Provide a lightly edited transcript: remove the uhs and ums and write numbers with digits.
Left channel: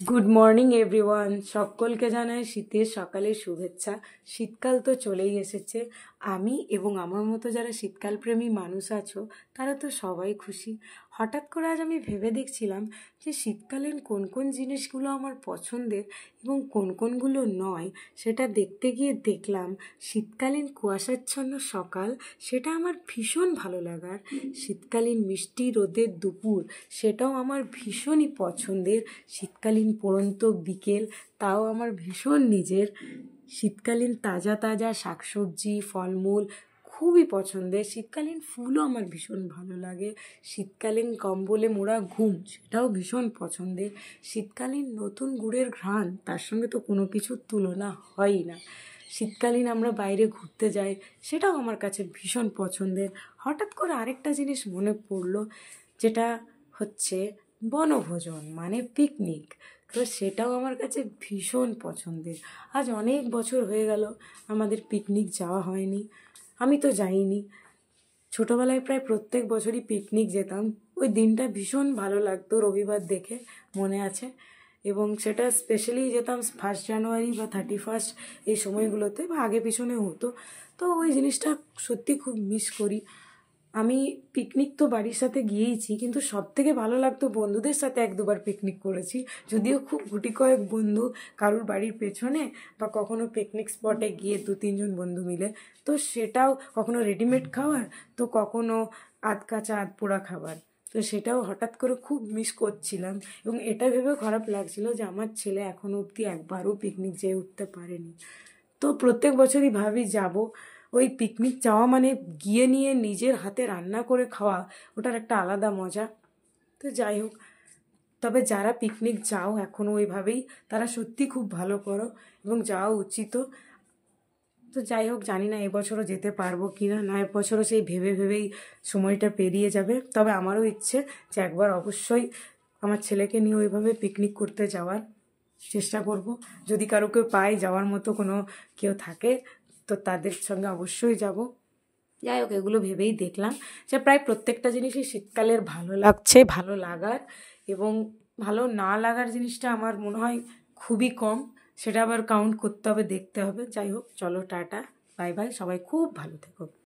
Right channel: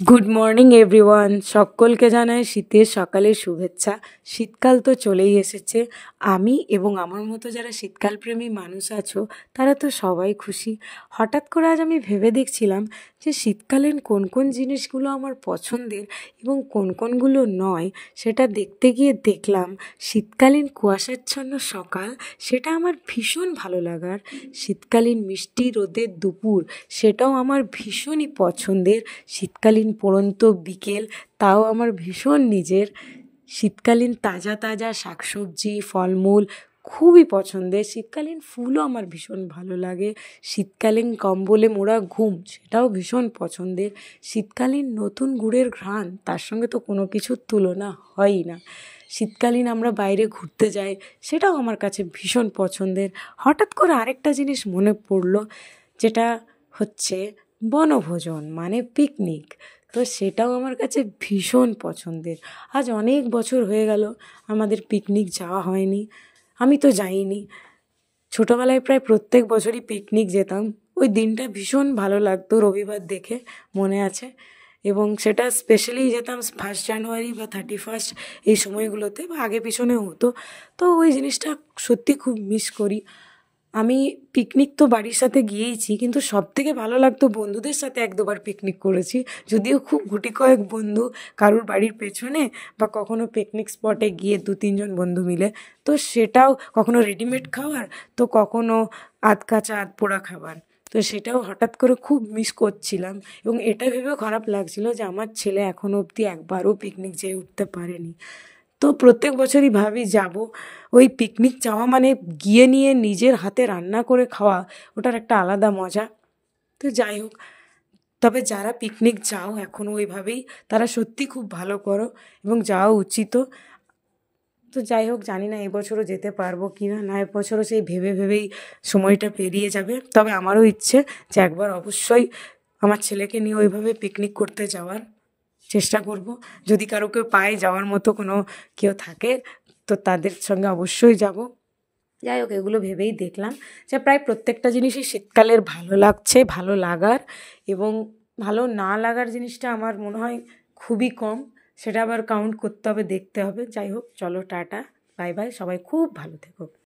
Good morning everyone, সকলকে জানাই শীতের সকালের শুভেচ্ছা। শীতকাল তো চলেই এসেছে। আমি এবং আমার মতো যারা শীতকালপ্রেমী মানুষ আছো তারা তো সবাই খুশি। হঠাৎ করে আজ আমি ভেবে দেখছিলাম যে শীতকালীন কোন কোন জিনিসগুলো আমার পছন্দের এবং কোন কোনগুলো নয়। সেটা দেখতে গিয়ে দেখলাম শীতকালীন কুয়াশাচ্ছন্ন সকাল সেটা আমার ভীষণ ভালো লাগার। শীতকালীন মিষ্টি রোদের দুপুর সেটাও আমার ভীষণই পছন্দের। শীতকালীন পড়ন্ত বিকেল তাও আমার ভীষণ নিজের। শীতকালীন তাজা তাজা শাকসবজি ফলমূল খুবই পছন্দের। শীতকালীন ফুলও আমার ভীষণ ভালো লাগে। শীতকালীন কম্বলে মোড়া ঘুম সেটাও ভীষণ পছন্দের। শীতকালীন নতুন গুড়ের ঘ্রাণ তার সঙ্গে তো কোনো কিছুর তুলনা হয়ই না। শীতকালীন আমরা বাইরে ঘুরতে যাই সেটাও আমার কাছে ভীষণ পছন্দের। হঠাৎ করে আরেকটা জিনিস মনে পড়লো, যেটা হচ্ছে বনভোজন মানে পিকনিক। তো সেটাও আমার কাছে ভীষণ পছন্দের। আজ অনেক বছর হয়ে গেল আমাদের পিকনিক যাওয়া হয়নি। আমি তো যাইনি। ছোটোবেলায় প্রায় প্রত্যেক বছরই পিকনিক যেতাম। ওই দিনটা ভীষণ ভালো লাগতো, রবিবার দেখে মনে আছে। এবং সেটা স্পেশালি যেতাম 1 জানুয়ারি বা 31 এই সময়গুলোতে, বা আগে পিছনে হতো। তো ওই জিনিসটা সত্যি খুব মিস করি। আমি পিকনিক তো বাড়ির সাথে গিয়েইছি, কিন্তু সবথেকে ভালো লাগতো বন্ধুদের সাথে 1-2বার পিকনিক করেছি। যদিও খুব গুটি কয়েক বন্ধু কারুর বাড়ির পেছনে, বা কখনো পিকনিক স্পটে গিয়ে 2-3 জন বন্ধু মিলে। তো সেটাও কখনো রেডিমেড খাবার, তো কখনো আধ কাঁচা আধ পোড়া খাবার। তো সেটাও হঠাৎ করে খুব মিস করছিলাম, এবং এটা ভেবেও খারাপ লাগছিল যে আমার ছেলে এখনও অবধি একবারও পিকনিক যেয়ে উঠতে পারেনি। তো প্রত্যেক বছরই ভাবি যাব। ওই পিকনিক যাওয়া মানে গিয়ে নিয়ে নিজের হাতে রান্না করে খাওয়া, ওটার একটা আলাদা মজা। তো যাই হোক, তবে যারা পিকনিক যাও এখনও ওইভাবেই, তারা সত্যি খুব ভালো করো এবং যাওয়া উচিতও। তো যাই হোক, জানি না এবছরও যেতে পারবো কি না, নয় বছরও সেই ভেবে ভেবেই সময়টা পেরিয়ে যাবে। তবে আমারও ইচ্ছে যে একবার অবশ্যই আমার ছেলেকে নিয়ে ওইভাবে পিকনিক করতে যাওয়ার চেষ্টা করব। যদি কারোকে পাই যাওয়ার মতো কোনো কেউ থাকে, তো তাদের সঙ্গে অবশ্যই যাব। যাই হোক, এগুলো ভেবেই দেখলাম যে প্রায় প্রত্যেকটা জিনিসই শীতকালের ভালো লাগছে, ভালো লাগার এবং ভালো না লাগার জিনিসটা আমার মনে হয় খুবই কম। সেটা আবার কাউন্ট করতে হবে, দেখতে হবে। যাই হোক, চলো টাটা, বাই বাই, সবাই খুব ভালো থেকো।